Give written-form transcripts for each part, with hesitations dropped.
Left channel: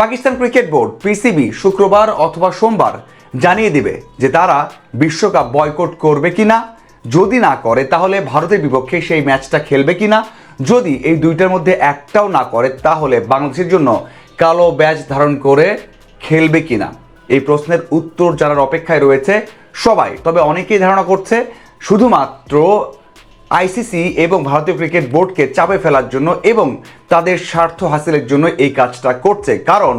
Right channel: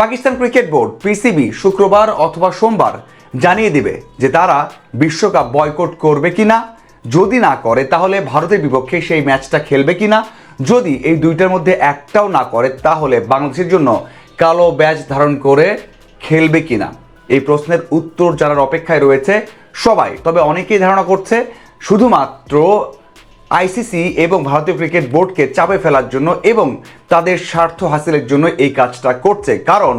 Pakistan cricket board PCB শুক্রবার অথবা সোমবার জানিয়ে দেবে যে তারা বিশ্বকাপ বয়কট করবে কিনা। যদি না করে তাহলে ভারতের বিপক্ষে সেই ম্যাচটা খেলবে কিনা। যদি এই দুইটার মধ্যে একটাও না করে তাহলে বাংলাদেশের জন্য কালো ব্যাজ ধারণ করে খেলবে কিনা। এই প্রশ্নের উত্তর জানার অপেক্ষায় রয়েছে সবাই। তবে অনেকেই ধারণা করছে শুধুমাত্র আইসিসি এবং ভারতীয় ক্রিকেট বোর্ডকে চাপে ফেলার জন্য এবং তাদের স্বার্থ হাসিলের জন্য এই কাজটা করছে। কারণ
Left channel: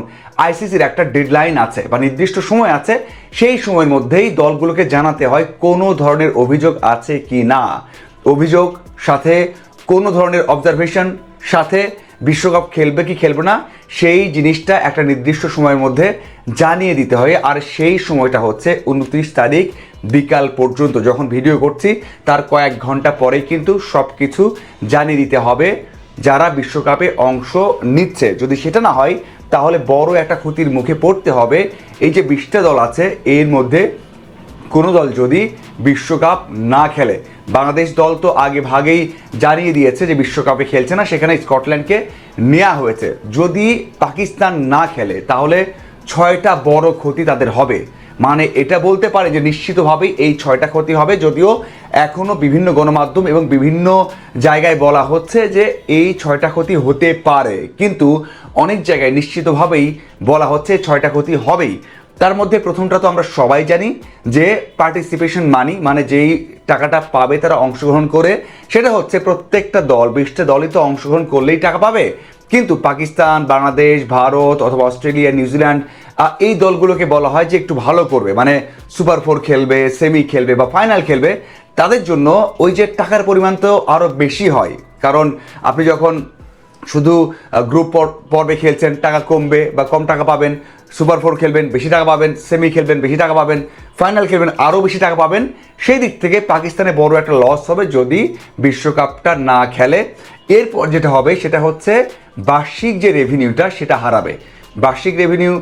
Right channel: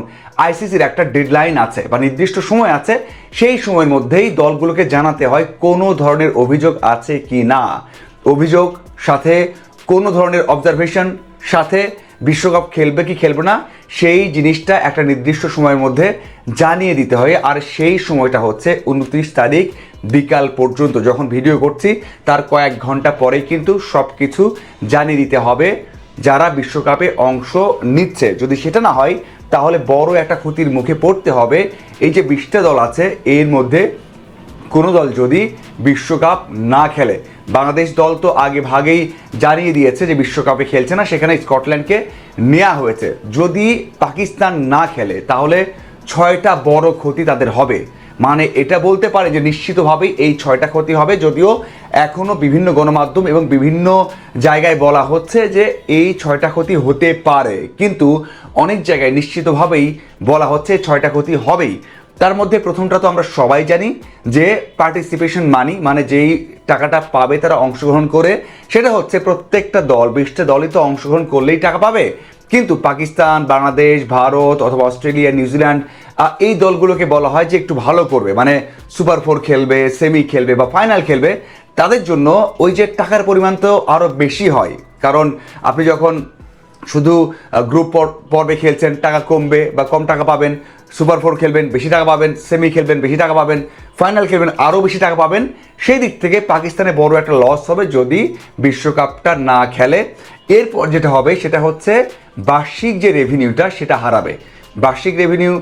আইসিসির একটা ডেডলাইন আছে, মানে নির্দিষ্ট সময় আছে, সেই সময়ের মধ্যেই দলগুলোকে জানাতে হয় কোনো ধরনের অভিযোগ আছে কি না, অভিযোগ সাথে কোনো ধরনের অবজারভেশন সাথে বিশ্বকাপ খেলবে কি খেলবে না সেই জিনিসটা একটা নির্দিষ্ট সময়ের মধ্যে জানিয়ে দিতে হয়। আর সেই সময়টা হচ্ছে 29 তারিখ বিকাল পর্যন্ত। যখন ভিডিও করছি তার কয়েক ঘন্টা পরে কিন্তু সব কিছু জানিয়ে দিতে হবে যারা বিশ্বকাপে অংশ নিচ্ছে। যদি সেটা না হয় তাহলে বড় একটা ক্ষতির মুখে পড়তে হবে। এই যে 20টা দল আছে এর মধ্যে কোনো দল যদি বিশ্বকাপ না খেলে, বাংলাদেশ দল তো আগে ভাগেই জানিয়ে দিয়েছে যে বিশ্বকাপে খেলছে না, সেখানে স্কটল্যান্ডকে নেওয়া হয়েছে। যদি পাকিস্তান না খেলে তাহলে 6টা বড় ক্ষতি তাদের হবে। মানে এটা বলতে পারে যে নিশ্চিতভাবেই এই 6টা ক্ষতি হবে, যদিও এখনও বিভিন্ন গণমাধ্যম এবং বিভিন্ন জায়গায় বলা হচ্ছে যে এই 6টা ক্ষতি হতে পারে, কিন্তু অনেক জায়গায় নিশ্চিতভাবেই বলা হচ্ছে 6টা ক্ষতি হবেই। তার মধ্যে প্রথমটা তো আমরা সবাই জানি যে পার্টিসিপেশন মানি, মানে যেই টাকাটা পাবে তারা অংশগ্রহণ করে, সেটা হচ্ছে প্রত্যেকটা দল 20টা দলই তো অংশগ্রহণ করলেই টাকা পাবে। কিন্তু পাকিস্তান, বাংলাদেশ, ভারত অথবা অস্ট্রেলিয়া, নিউজিল্যান্ড এই দলগুলোকে বলা হয় যে একটু ভালো করবে, মানে সুপার 4 খেলবে, সেমি খেলবে বা ফাইনাল খেলবে, তাদের জন্য ওই যে টাকার পরিমাণ তো আরও বেশি হয়। কারণ আপনি যখন শুধু গ্রুপ পর্বে খেলছেন টাকা কমবে বা কম টাকা পাবেন, সুপার 4 খেলবেন বেশি টাকা পাবেন, সেমি খেলবেন বেশি টাকা পাবেন, ফাইনাল খেলবেন আরও বেশি টাকা পাবেন। সেই দিক থেকে পাকিস্তানে বড় একটা লস হবে যদি বিশ্বকাপটা না খেলে। এরপর যেটা হবে সেটা হচ্ছে বার্ষিক যে রেভিনিউটা সেটা হারাবে। বার্ষিক রেভিনিউ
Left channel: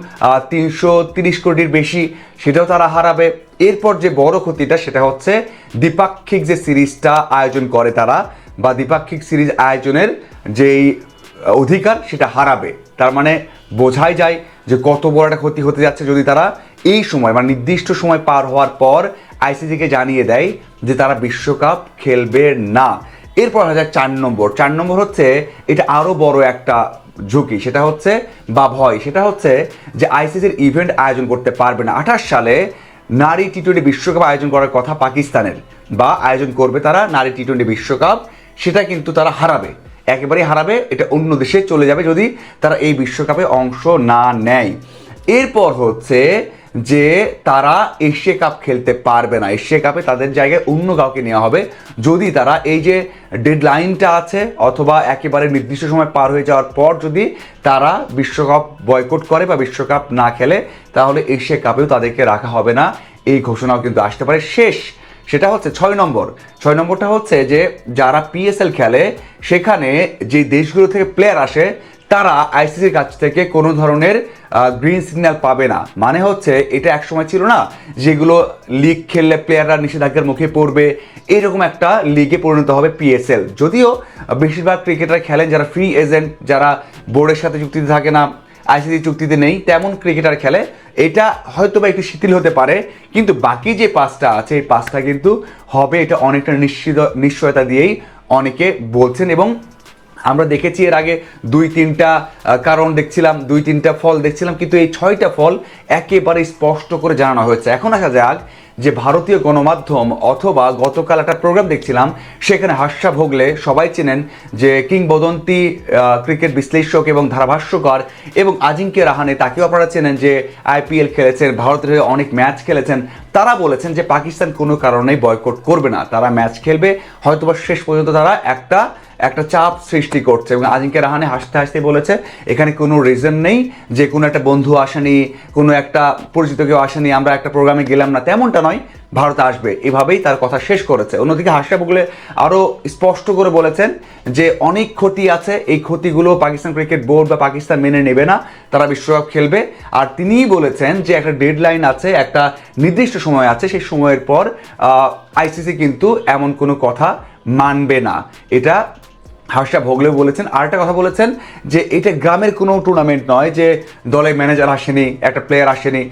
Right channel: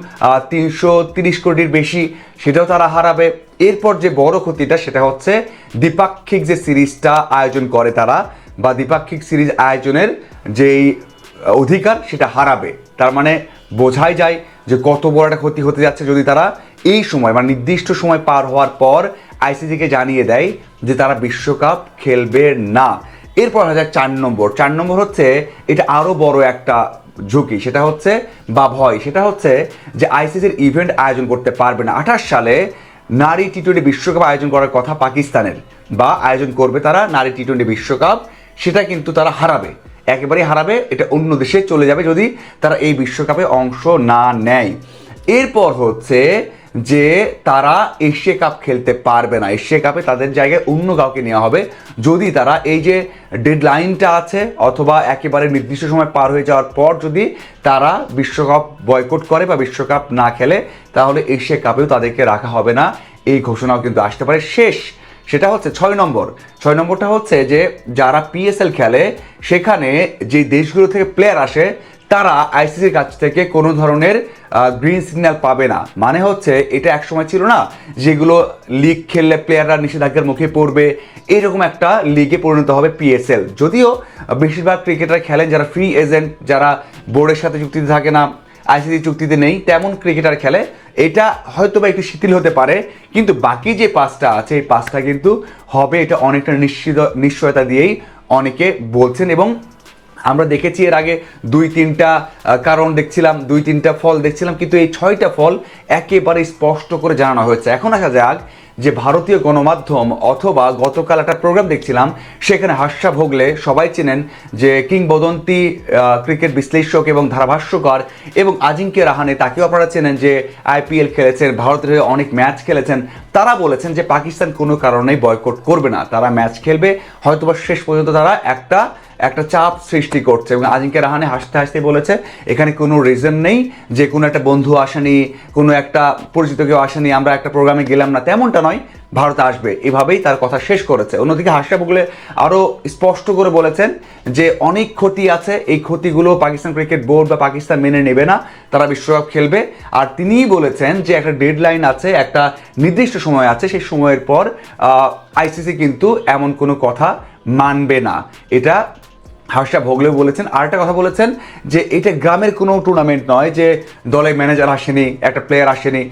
330 কোটির বেশি, সেটাও তারা হারাবে। এরপর যে বড় ক্ষতিটা সেটা হচ্ছে দ্বিপাক্ষিক যে সিরিজটা আয়োজন করে তারা, বা দ্বিপাক্ষিক সিরিজ আয়োজনের যে অধিকার সেটা হারাবে। তার মানে বোঝাই যায় যে কত বড় একটা ক্ষতি হতে যাচ্ছে যদি তারা এই সময় বা নির্দিষ্ট সময় পার হওয়ার পর আইসিসিকে জানিয়ে দেয় যে তারা বিশ্বকাপ খেলবে না। এরপর 4 নম্বর হচ্ছে এটা আরো বড় একটা ঝুঁকি, সেটা হচ্ছে বা ভয়, সেটা হচ্ছে যে আইসিসির ইভেন্ট আয়োজন করতে পারবে না। 28 সালে নারী টি-20 বিশ্বকাপ আয়োজন করার কথা পাকিস্তানের, বা আয়োজন করবে তারা নারী টি-20 বিশ্বকাপ, সেটা কিন্তু তারা হারাবে, একেবারেই হারাবে। এটা অন্য দেশে চলে যাবে যদি তারা এই বিশ্বকাপে অংশ না নেয়। এরপর হচ্ছে যে তারা এশিয়া কাপ খেলতে পারবে না, এশিয়া কাপে তাদের জায়গায় অন্য কাউকে নেওয়া হবে যদি তারা এই যে ডেডলাইনটা আছে অথবা একেবারে নির্দিষ্ট সময় পার হয়ে যাওয়ার পর যদি তারা বিশ্বকাপ বয়কট করে বা বিশ্বকাপ না খেলে, তাহলে এশিয়া কাপেও তাদেরকে রাখা হবে না। এই ঘোষণাও কিন্তু আসতে পারে। শেষ সেটা হচ্ছে 6 নম্বরটা হচ্ছে যে যারা পিএসএল খেলে সেখানে যে দেশগুলো থেকে প্লেয়ার আসে তারা আইসিসির কাছ থেকে কোনো ধরনের গ্রিন সিগন্যাল পাবে না। মানে হচ্ছে এটা একসময় ছিল না যেগুলো লিগ খেললে প্লেয়াররা নিষেধাজ্ঞার মুখে পড়বে, এরকম একটা লিগে পরিণত হবে পিএসএল। যদিও বেশিরভাগ ক্রিকেটার খেলেন যারা ফ্রি এজেন্ট, যারা বোর্ডের সাথে চুক্তিতে থাকে না, আইসিসি চুক্তিতে নেই, তেমন ক্রিকেটার খেলে। এটা হয়তো বা একটু শিথিল হতে পারে, কিন্তু বাকি যে 5টা আছে এই 5টা কিন্তু হবে। এটা অনেকটা নিশ্চয়তা দিয়েই অনেকে বলছেন। এবং আমরা দেখেছি এর আগে 2-3টা কারণ দেখছিলাম, 2-3টা ফল দেখছিলাম, কিন্তু এই 6টা ফল একেবারে স্পষ্ট করে জানানো হয়েছে। এখন দেখা যাক যে ভারতীয় গণমাধ্যম অথবা গতকাল একটা প্রোগ্রাম দেখছিলাম, সেখানে হাস্যা ভোগলে সবাই চেনেন যে কিংবদন্তি ক্রিকেট বিশ্লেষক এবং ধারাভাষ্যকার এবং আজিঙ্ক্য রাহানে, তাকেও আপনারা চেনেন যে আইপিএল খেলেছেন, ভারতের অনেক ম্যাচ খেলেছেন। তারা বলেছেন যে পাকিস্তান কোনো কারণেই বয়কট করবে না, তারা ম্যাচ খেলবে, হয়তোবা শেষ পর্যন্ত তারা একটা চাপ সৃষ্টি করছে। এবং আজিঙ্ক্য রাহানে হাসতে হাসতে বলেছে এখানে কোনো রিজন নেই যে কোনো একটা বন্ধু আসেনি, কোনো একটা পরিচিত কেউ আসেনি, আমরা একটা প্রোগ্রামে গেলাম না, তেমনটা নয়, ভারত আসবে, এভাবেই তার কথা শেষ করেছে। অন্যদিকে হাসা বগলে আরো স্পষ্ট করে বলেছেন যে অনেক ক্ষতি আছে, এই ক্ষতিগুলো পাকিস্তান ক্রিকেট বোর্ড বা পাকিস্তান মেনে নেবে না, তারা বিশ্বকাপ খেলবে। আর তিনিই বলেছেন যে একটা ডেডলাইন আছে, একটা নির্দিষ্ট সময় আছে, সেই সময়ের পর আইসিসি কিন্তু এমন কোনো কথা মানবে না। এটা হর্ষা ভোগলেও বলেছেন। আরেকটা কথা বলেছেন যে এটা গ্রামের কোনো টুর্নামেন্ট নয় যে দলে ম্যানেজার আসেনি, একটা প্লেয়ার আসেনি,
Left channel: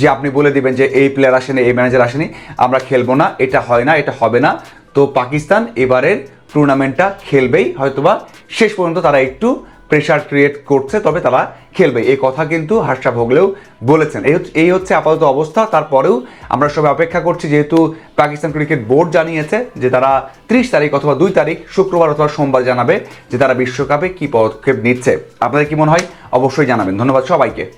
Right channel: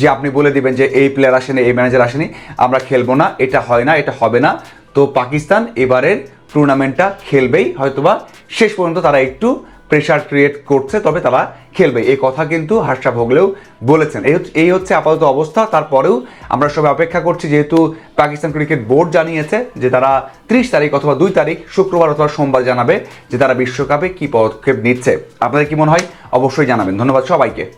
যে আপনি বলে দিবেন যে এই প্লেয়ার আসেনি, এই ম্যানেজার আসেনি, আমরা খেলবো না, এটা হয় না, এটা হবে না। তো পাকিস্তান এবারে টুর্নামেন্টটা খেলবেই, হয়তোবা শেষ পর্যন্ত তারা একটু প্রেশার ক্রিয়েট করছে, তবে তারা খেলবে, এই কথা কিন্তু হর্ষা ভোগলেও বলেছেন। এই হচ্ছে আপাতত অবস্থা। তারপরেও আমরা সবাই অপেক্ষা করছি, যেহেতু পাকিস্তান ক্রিকেট বোর্ড জানিয়েছে যে তারা 30 তারিখ অথবা 2 তারিখ শুক্রবার অথবা সোমবার জানাবে যে তারা বিশ্বকাপে কি পদক্ষেপ নিচ্ছে। আপনি কি মনে হয়? অবশ্যই জানাবেন।